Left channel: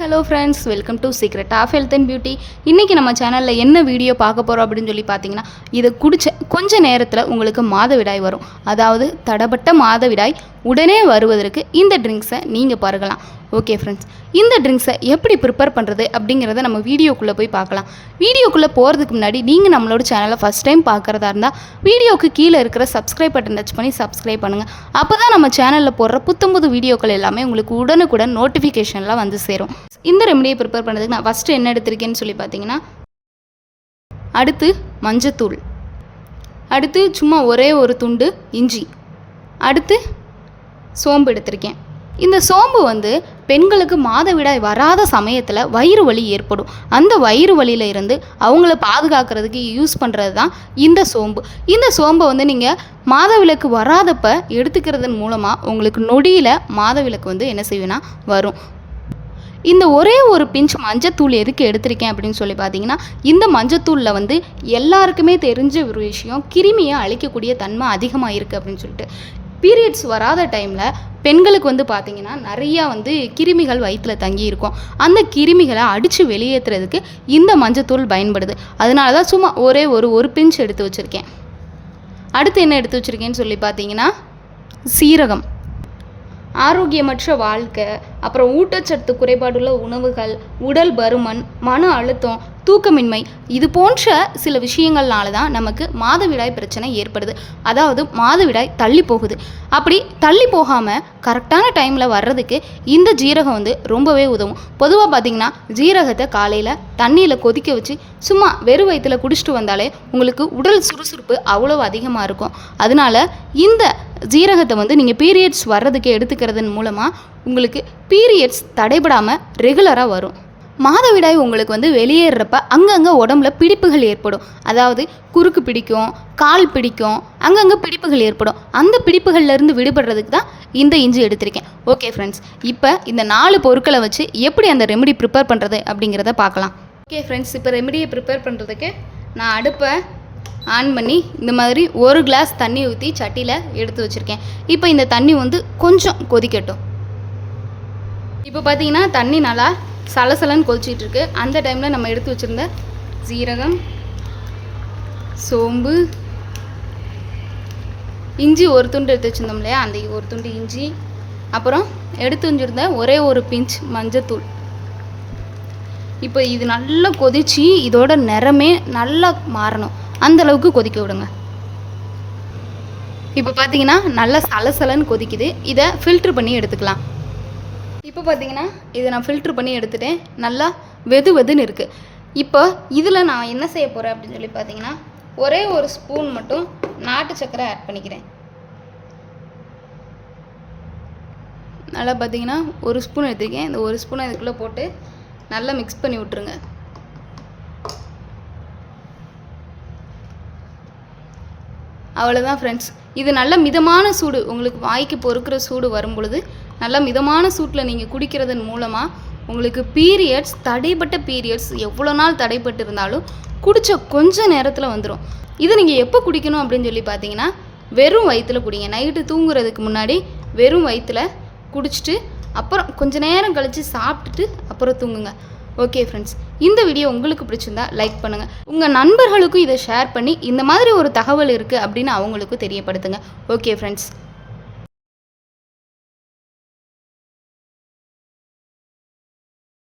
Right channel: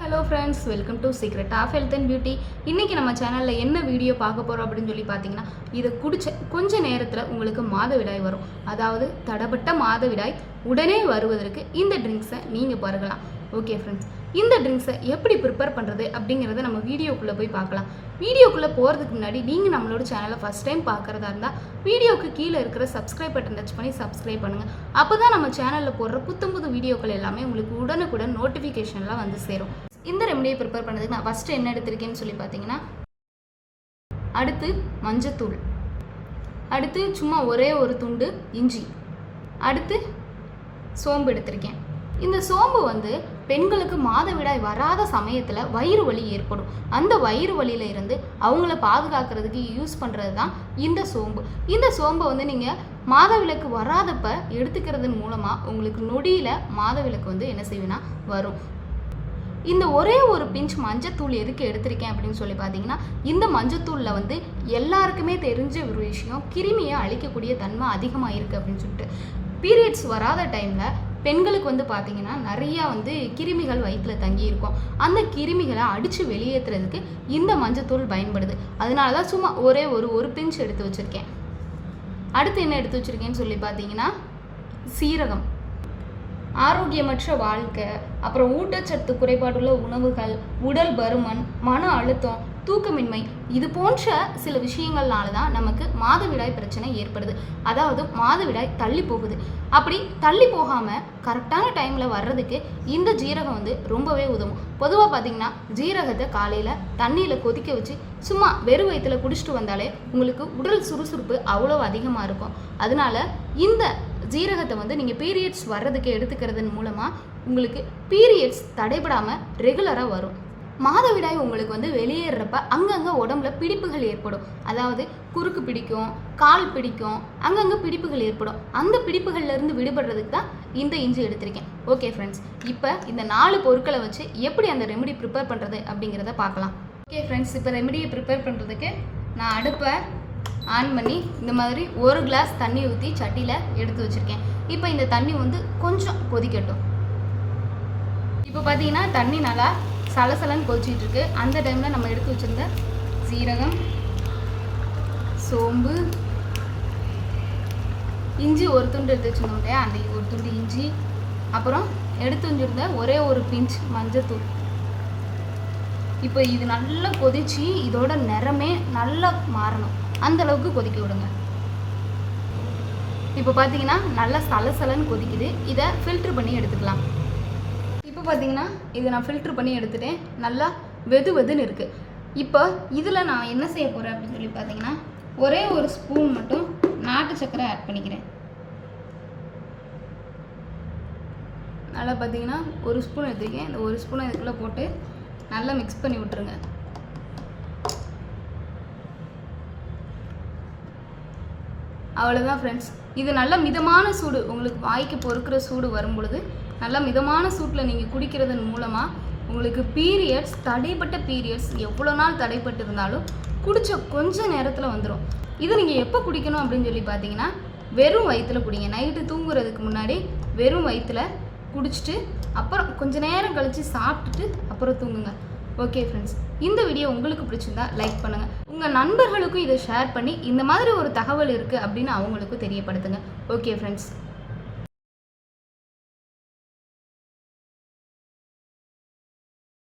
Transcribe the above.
Hello friends welcome to secret of health and beauty இன்றைக்கி நம்ம சேனலில் என்ன வீடியோ பார்க்க போகிறோம் அப்படின்னு சொல்லி பார்த்தீங்கன்னா இதை குடிச்ச கொஞ்ச நேரத்தில் உங்களுக்கு மாதவிடாய் வரும். அதாவது தடப்பட்ட மாதவிடாய் உடனே வருவதற்கு இந்த ட்ரிங்க்ஸை நீங்கள் பருகலாம் ஓகே ஃப்ரெண்ட்ஸ் இந்த ட்ரிங்க்ஸை எப்படி ப்ரிப்பேர் பண்ணுறது அப்படிங்கிறத நம்ம வீடியோக்குள்ளே போய் பார்க்கலாம். வீடியோக்குள்ளே போகிறதுக்கு முன்னாடி நீங்கள் நம்மளோட சேனலை ஃபஸ்ட் டைம் பார்க்குறதா இருந்தால் வீடியோக்கு கீழே இருக்கிற சப்ஸ்கிரைப் பட்டன் டச் பண்ணி சப்ஸ்கிரைப் பண்ணுங்கள் அப்போ தான் நம்ம சேனலில் போடுற புத்தம்புது வீடியோக்கள் எல்லாமே உங்களுக்கு உடனுக்குடன் நோட்டிஃபிகேஷன்லாம் வந்து சேரும். இந்த ரெமடியை ப்ரிப்பேர் பண்ணுறதுக்கு நான் ஃபஸ்ட்டு என்ன எடுத்திருக்கேன்னு சொல்லி பார்த்தீங்கன்னா அடுத்து மஞ்சத்தூள். அடுத்து சும்மா ஒரே ஒரு துண்டு இஞ்சி. அடுத்து சோம்பு எடுத்திருக்கேன். இந்த சோம்பு வந்து பெண்களுக்கு மாதவிடாய் வராத சமயத்தில் வயிறு வலி ஏற்படும். அந்த வயிறு வலியில இருந்து அவங்கள பாதுகாக்கிறதுக்கு யூஸ் பண்ணுறது தான் இந்த சோம்பு. இந்த சோம்பை வந்து நீங்கள் மாதவிலக்கு வராதப்ப எடுத்துக்கிறதன் மூலமாக உங்களுக்கு நொடியில் மாதவிலக்கு வந்து என்ன செய்வேன்னா வரும். இந்த ஒரே ஒரு பிஞ்ச் மஞ்சத்தூள் எதுக்கு எடுத்திருக்கேன் அப்படின்னு சொல்லி பார்த்தீங்கன்னா இந்த மஞ்சத்தூளில் வந்து எல்லாருக்குமே தெரிஞ்ச ஒரு விஷயம் கிருமியை அழிக்கக்கூடிய தன்மை அதிகமாக இருக்குது அப்படின்னு சொல்லிட்டு. பீரியட்ஸ் வராத டைமில் பெண்களுக்கு வந்து பார்த்திங்கன்னா நிறையா வந்து கிருமிகள் வயிற்றில் தங்கி இருக்கும். அந்த கிருமிகளை அடித்து வெளியேற்றுறதுக்கு இந்த மஞ்சத்தூள் பயன்படுது. அதனால தான் சும்மா ஒரே ஒரு ஒரு பிஞ்ச் எடுத்து வச்சுருக்கேன். அடுத்து என்ன எடுத்து வச்சுருக்கேன்னு சொல்லி பார்த்தீங்கன்னா சீரகம். ஆரோக்கியமற்ற வாழ்க்கை அப்புறம் ஊட்டச்சத்து குறைபாடுள்ள உணவுகள் உடல் பருமன் மன அழுத்தம் தூக்கமின்மை. இது போன்ற சில விஷயங்கள்னால தான் நமக்கு மாதவிடாய் பிரச்சனை ஏற்படுது. அதாவது மாதவிடாய் தள்ளி போகுது. அப்படி தள்ளி போகாமல் கரெக்டான டைமில் வர்றதுக்கு இந்த ஜீரகம் வந்து ரொம்பவே உதவும். பொதுவாக பார்த்தீங்கன்னா ஜீரகத்தை காலையில் தண்ணியில் கொதிக்க வச்சு சும்மா வெறும் வயிற்றில் குடிச்சிட்டு வந்தாலே உங்களுக்கு உடல் சுறுசுறுப்பு அவ்வளோ அதிகமாக இருக்கும். அதனால இந்த ஜீரகத்தை வந்து நீங்கள் பீரியட்ஸ் வர்றதுக்கு எடுத்துக்கிறதன் மூலமாக உங்களுக்கு பீரியட்ஸ் தடைபடாமல் ரெகுலராக வரும். மாதவிடாய் உங்களுக்கு வந்து வெளியேறப்ப அங்கங்கே உடம்புல பிடிப்புகள் ஏற்படும். அதாவது குறுக்கு பிடிக்கும் கால் பிடிக்கும் அங்கங்கே பிடிப்புகள் ஏற்படும். அந்த பிடிப்புகள்லேருந்து விடுபடுறதுக்கு தான் இந்த இஞ்சி எடுத்திருக்கேன். ஓகே ஃப்ரெண்ட்ஸ் இப்போ இந்த நாலு பொருட்களை வச்சு எப்படி அந்த ரெமெடி ப்ரிப்பேர் பண்ணுறது அப்படிங்கிறத பார்க்கலாம். ஓகே ஃப்ரெண்ட்ஸ் இப்போ ரெமெடியை ப்ரிப்பேர் பண்ணுறதுக்கு நான் அடுப்பை ஆன் பண்ணி இந்த மாதிரி ஒரு கிளாஸ் தண்ணி ஊற்றி சட்டியில் எடுத்து வச்சுருக்கேன். இப்போ இந்த தண்ணி வந்து கொஞ்சம் கொதிக்கட்டும். இப்போ பார்த்தீங்கன்னா தண்ணி நல்லா சலசலன்னு கொதிச்சிட்டு இருக்கு. அந்த டைமில் நம்ம எடுத்து வச்சுருந்த சீரகம் சோம்பு இஞ்சி ஒரு துண்டு எடுத்து வச்சுருந்தோம் இல்லையா? அந்த ஒரு துண்டு இஞ்சி அப்புறம் எடுத்து வச்சுருந்த ஒரே ஒரு பிஞ்ச் மஞ்சத்தூள். இப்போ இது நல்லா கொதிச்சு இதோட நிறமே நல்லா மாறணும். அந்த அளவுக்கு கொதிக்க விடுங்க. இப்போ பார்த்தீங்கன்னா நல்லா சலசலன்னு கொதிக்குது. இதை ஃபில்ட்ரு பண்ணி எடுத்துக்கலாம். இப்போ பார்த்தீங்கன்னா இதை நான் ஃபில்ட்ரு பண்ணி எடுத்துட்டேன். நல்லா வெது வெதுன்னு இருக்குது இப்போ இதில் நான் என்ன செய்ய போகிறேன் அப்படின்னு சொல்லி பார்த்தீங்கன்னா ஒரே ஒரு ஸ்பூன் மட்டும் நாட்டு சக்கரை ஆட் பண்ணிக்கிறேன். நல்லா பார்த்தீங்கன்னா ஒரு ஸ்பூன் எடுத்துருக்கேன். இந்த ஒரு ஸ்பூனை இதுக்குள்ளே போட்டு நல்லா மிக்ஸ் பண்ணி விட்ருங்க அவ்வளோதான் ஃப்ரெண்ட்ஸ் இது நல்ல மிதமான சூடு. உங்களுக்கு வாய்க்கு பொறுக்கிற சூடு வரும் பொழுது நல்ல மிதமான சூட்டில் நீங்கள் குடிக்கிறதன் மூலமாக உங்களுக்கு பீரியட்ஸ் தடைப்பட்ட பீரியட்ஸ் எவ்வளோ நாள் தடைப்பட்டு இருந்தாலும் குடித்த கொஞ்ச நேரத்தில் வந்துடும் இதை நீங்கள் எப்போ குடிக்கணும் அப்படின்னு சொல்லி பார்த்தீங்கன்னா வெறும் வயிற்றில் குடிங்க. நைட்டு தூங்குறதுக்கு முன்னாடி வெறும் வயிற்றில் குடிச்சிட்டு அப்புறம் கொஞ்ச நேரம் கழித்து சாப்பிட்டுட்டு அப்புறம் தூங்குங்க. ஓகே ஃப்ரெண்ட்ஸ் இந்த வீடியோ உங்களுக்கு பிடிச்சிருந்தா லைக் பண்ணுங்கள் உங்கள் நண்பர்களுக்கும் இதை ஷேர் பண்ணி இந்த மாதிரி ஒரு தகவல் இருக்குது அப்படின்னு அவங்களுக்கும் தெரியப்படுத்துங்க. Okay friends